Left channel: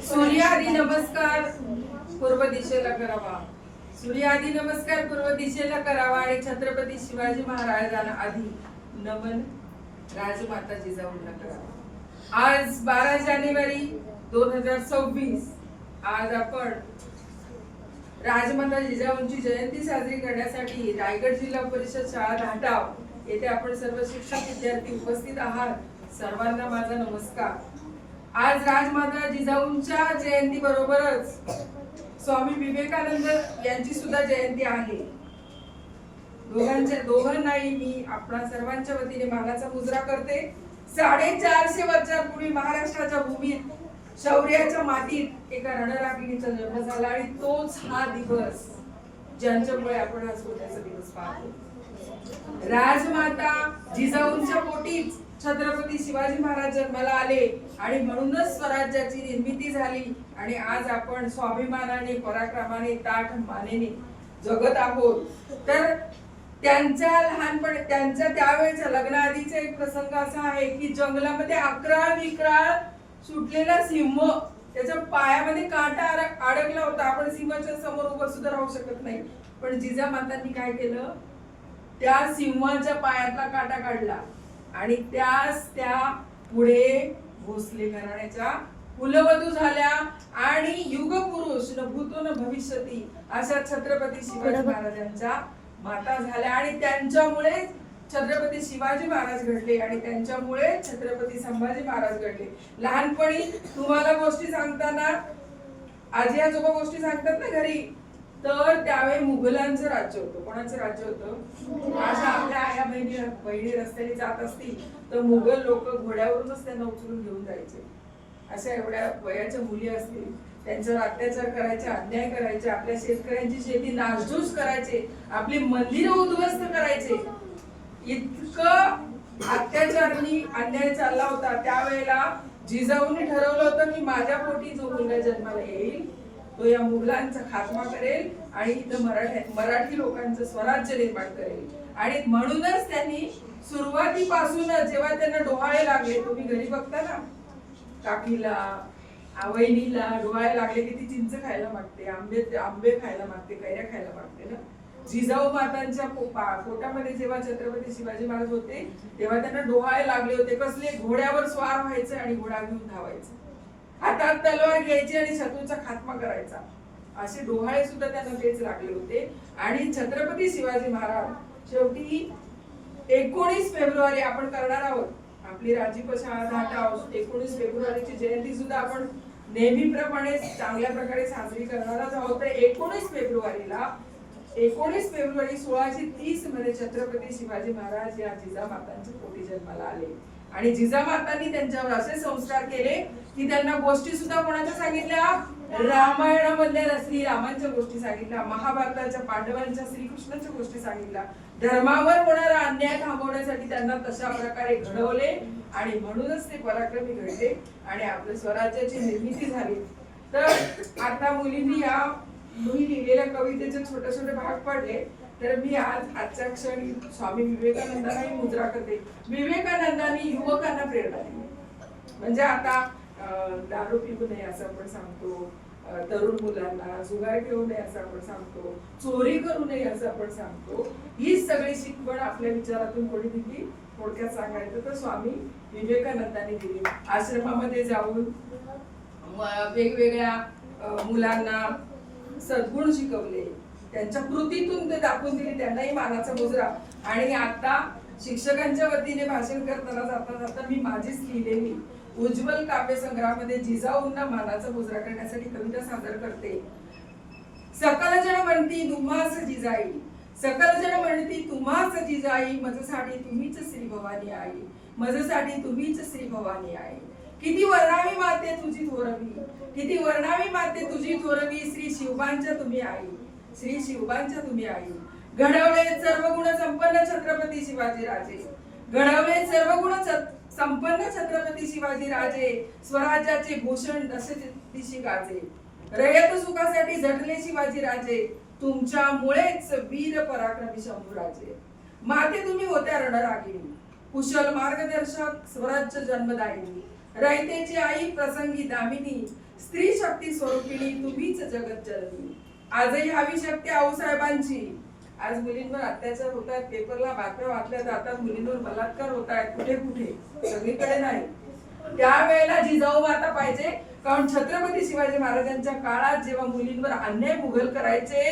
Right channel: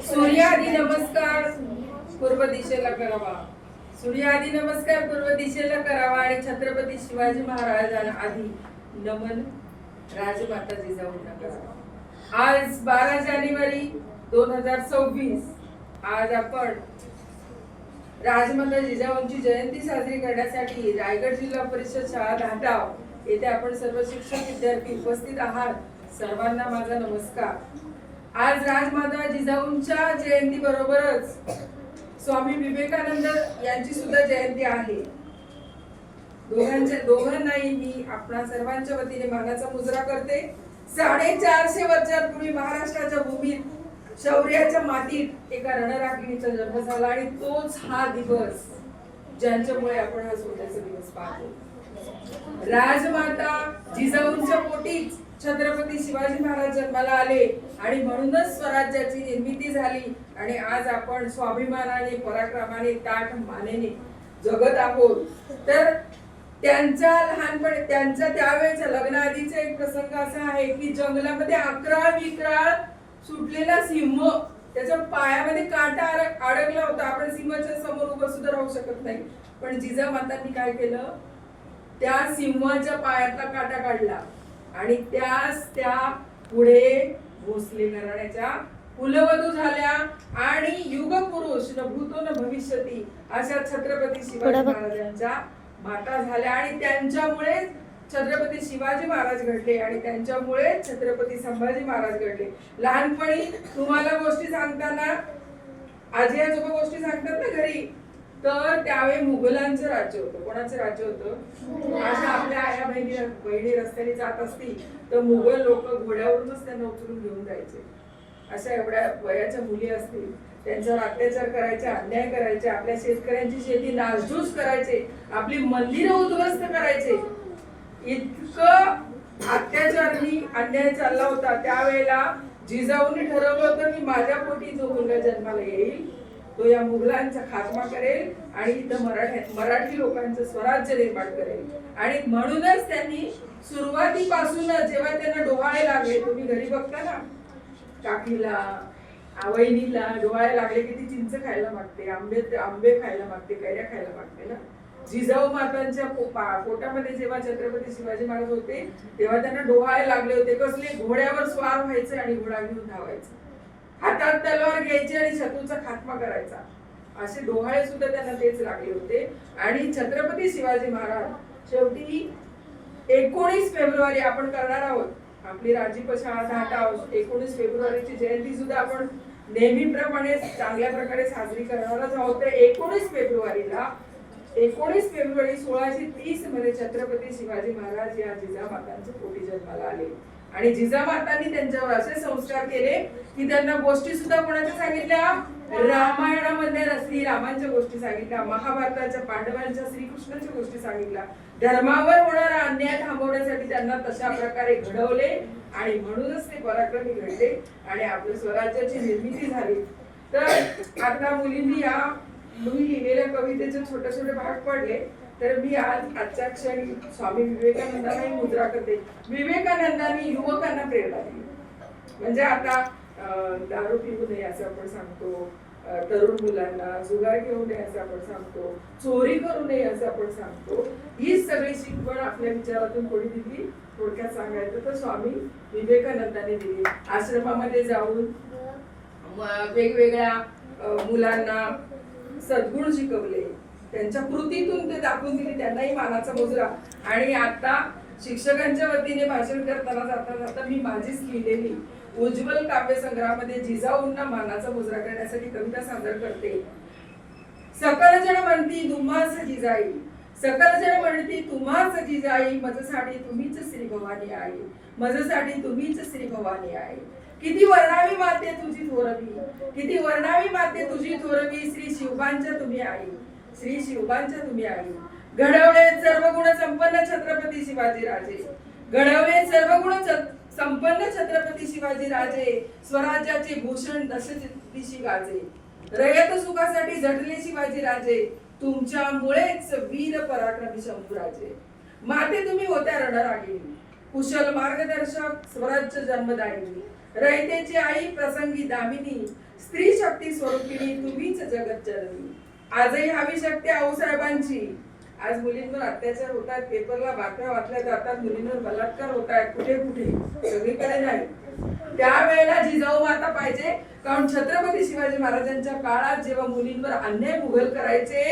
सूर्याआधी नमस्कार पूर्व दिशेला करावा. सूर्याआधी नमस्कार पूर्व दिशेला करावा आणि छत्रपती शिवाजी महाराजांना आधी नमन राजमाता जिजाऊंना करावा. आज 12 जानेवारी 2026. आज आपण राजमाता जिजाऊंची जयंती साजरी करण्यासाठी रायगड जिल्हा परिषद शाळा धाटाव येथे आपण सर्व शिक्षक विद्यार्थी उपस्थित आहात. सर्वांना माझा नमस्कार. आज राजमाता जिजाऊंच्या जयंती बरोबरच स्वामी विवेकानंद यांची सुद्धा जयंती आहे. दोघांनाही मी आपणा सर्वांच्या वतीने मानाचा मुजरा करते. 450 वर्षांपूर्वी महाराष्ट्राच्या भूमीत शौर्याच्या मातीत एका रणरागिणीचा जन्म झाला आणि तोच हा दिवस ज्यांच्यामुळे आपण हा सोन्याचा दिवस पाहतो. राजमाता जिजाऊंच्या पोटीच छत्रपती शिवाजी महाराज जन्माला आले आणि म्हणूनच स्वराज्याची निर्मिती झाली आणि आज आपण स्वाभिमानाने पराक्रमाने ताठ मानेने जगत आहोत. तर त्यांच्या त्यावेळेचा लग्नाआधीचा एक प्रसंग असा आहे की जंगलामध्ये अकराळ विक्राळ सुटलेला सिंह, त्याच्या पायामध्ये काटा अडकला होता. आपण सिंहाच्या समोर उभं सुद्धा राहू शकत नाही, पण जिजामातांनी काय केलं, त्या सिंहाच्या पायातला काटा काढला आणि त्या पुढे भोसले घराण्याच्या कुलवधू झाल्या आणि युगपुरुष न भूतो न भविष्यती अशा छत्रपती शिवाजी महाराजांच्या माता झाल्या आणि त्यांच्यामुळे छत्रपती शिवाजी महाराज घडले आणि त्यांच्यामुळे छत्रपती संभाजी महाराज घडले. लहानपणी तुम्हाला गोष्टी सांगताना आजी आजोबा गोष्टी सांगतात ना घरी, तर त्यावेळी मुघलांचं राज्य होतं. कोणाचं राज्य होतं? अशा आपल्या आया बहिणी रस्त्याने जात असतील तर मुघल लोक घोड्यावरूनच त्यांना उचलून घेऊन जायचे. अशा एवढ्या वयाच्या मुली असतील, त्यांच्यावर अत्याचार करायचे, अन्याय करायचे, आपल्या शेतकऱ्यांची शेती नासधूस करायचे, आपली मंदिरं उद्ध्वस्त करायचे. इतकं अत्याचारी अन्याय चालला होता. त्यावेळेला जिजाऊंनी ठरवलं होतं की माझ्या पोटी जो मुलगा जन्माला येईल तो या मुघलांचा खात्मा करेल आणि इथं मराठी लोकांचं स्वराज्य निर्माण करेल. आणि म्हणूनच त्यांनी सुरुवातीपासूनच जेव्हा त्यांना डोहाळे लागले, तुम्ही घरी बघता ना, काकीला आवईनीला डोहाळे लागले की ती चिंच खायला मागते, आंबे खायला मागते, कैऱ्या खायला मागते ना. जिजाऊ मातांच्या पोटामध्ये जेव्हा छत्रपती शिवाजी महाराज होते तेव्हा त्यांना डोहाळे लागले होते. कसले? घोड्यावर स्वार व्हायचे आणि घोडा घेऊन धावायचे, हातात तलवार घ्यायची आणि शत्रूचा खात्मा करायचा. असे डोहाळे सुद्धा त्यांना तेच लागले होते. आणि छत्रपती शिवाजी महाराज शेवटी 19 फेब्रुवारी आपण करणार आहोत आपली राजीव शाळा धाटाव. 19 फेब्रुवारीची जयंती सुद्धा आपण नेहमीप्रमाणे चांगल्या प्रकारे साजरी करणारच आहोत. तर 19 फेब्रुवारी 1630 मध्ये छत्रपती शिवाजी महाराज या जिजामातांच्या पोटी जन्माला आले आणि जिजामातांनी त्यांच्यावर असे संस्कार केले की त्यांना गोष्टी सुद्धा कोणाच्या सांगितल्या? रामायणामधल्या श्रीरामांच्या गोष्टी सांगितल्या, महाभारताच्या पांडवांच्या श्रीकृष्णाच्या गोष्टी सांगितल्या. धर्मावर होणारा अन्याय थांबवण्यासाठी त्यांना तशा प्रकारे घडवले आणि म्हणूनच ते पराक्रमी घडले आणि आपल्या स्वराज्याची निर्मिती झाली. तर आता मुलींनी लिहिलेल्या कवितेचे छोटे छोटे भाग पडले. तर मी आजच्या क्षणी स्वामी विवेकानंदांना मुद्रा करते. विवेकानंदांनी युवकांना प्रेरणा दिली. म्हणजे आता दारू पिऊ नये असं आपण सांगतो, तरुण मुलांना जुगार घेऊ नये असं आपण सांगतो, चोरी करू नये असं आपण सांगतो. ही सगळी शिकवण आपल्या विचारातून कोणी दिली? थोडक्यात सांगायचं तर स्वामी विवेकानंदांनी दिली. आश्रमामध्ये जाऊन वेगवेगळ्या मुलांना सद्गुण शिकवले, त्यांच्या कृतीतून ते दाखवून दिली. त्यांनाही मानाचा मुजरा. आणि आता शिक्षकांच्या वतीने भाषण करताना जाता मी माझीच लिहिलेली उज्ज्वल काव्य संग्रहामध्ये जिजाऊंना मानाचा मुजरा करण्यासाठी कविता सादर करते. सकल जण म्हणती तुम्हास जिजाई, सकल जण म्हणती तुम्हास जिजाई, मजसाठी तुम्हीच श्री भवानी आई, मजसाठी तुम्हीच श्री भवानी आई. किती वर्णावी माते तुझी थोरवी, किती वर्णावी माते तुझी थोरवी, श्री शिवबांच्या तुम्ही आई, श्री शिवबांच्या तुम्ही आई. घडवले सर्व गुण संपन्न छत्रपती शिवाजी राजे, घडवले सर्व गुण संपन्न छत्रपती शिवाजी राजे, स्वराज्याचे भूषण दश दिशी गाजे, रयत सुखासाठी झटले शिवाजी राजे, तुमच्यामुळेच वीर पराक्रमी शंभूराजे. माते तुम्ही होत्या रणरागिणी, कुशल मार्गदर्शक, स्वराज्य जन्मदायिनी, रयतेची आई प्रसंगी दामिनी, स्त्री शक्ती स्वरूपिणी तुम्हीच जगत जननी. आजही हवी शक्ती आऊसाहेबांची. आज मुलींवर अत्याचार होत आहेत, पेपरला बातम्या वाचल्या जातात, मुलींवर बलात्कार होत आहेत, कुठे कुठे, सगळीकडे नाही. त्यावेळेला जिजाऊ माता पाहिजे, कारण छत्रपती शिवाजी महाराजांच्या काळात जेव्हा मुलींवर अन्याय मुघल करायचे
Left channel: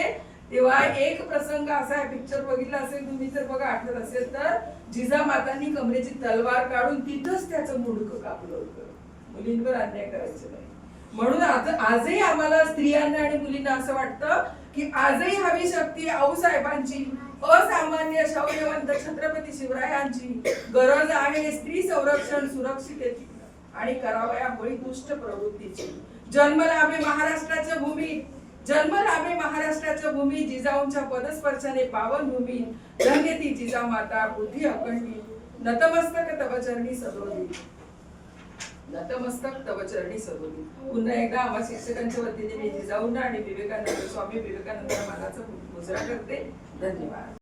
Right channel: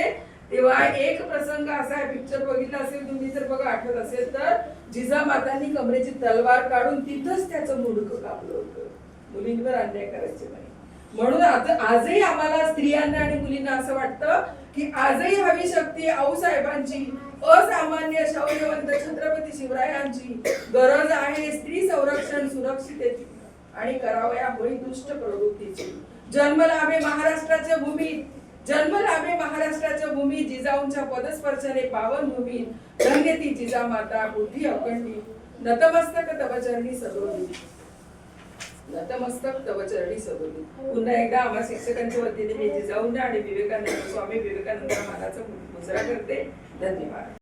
तेव्हा एक प्रसंग असा आहे, पिक्चर बघितला असेल तुम्ही तर बघा, आठवत असेल तर, जिजामातांनी कमरेची तलवार काढून तिथंच त्याचं मुंडकं कापलं होतं. मुलींवर अन्याय करायचे नाही. म्हणून आजही आम्हाला स्त्रियांना आणि मुलींना असं वाटतं की आजही हवी शक्ती आऊसाहेबांची, असामान्य शौर्यवंत छत्रपती शिवरायांची गरज आहे स्त्री संरक्षण सुरक्षितेची आणि करावया होई दुष्ट प्रवृत्तीची. जन्म लाभे महाराष्ट्राच्या भूमीत, जन्म लाभे महाराष्ट्राच्या भूमीत, जिजाऊंच्या पदस्पर्शाने पावन भूमीत, धन्य ती जिजामाता बुद्धी अखंडित, नतमस्तक तव चरणी सदोदित, नतमस्तक तव चरणी सदोदित. पुन्हा एकदा आम्हा शिक्षकांच्या वतीने मी जिजाऊंना आणि विवेकानंद स्वामी विवेकानंद मानाचा मुजरा करते. धन्यवाद.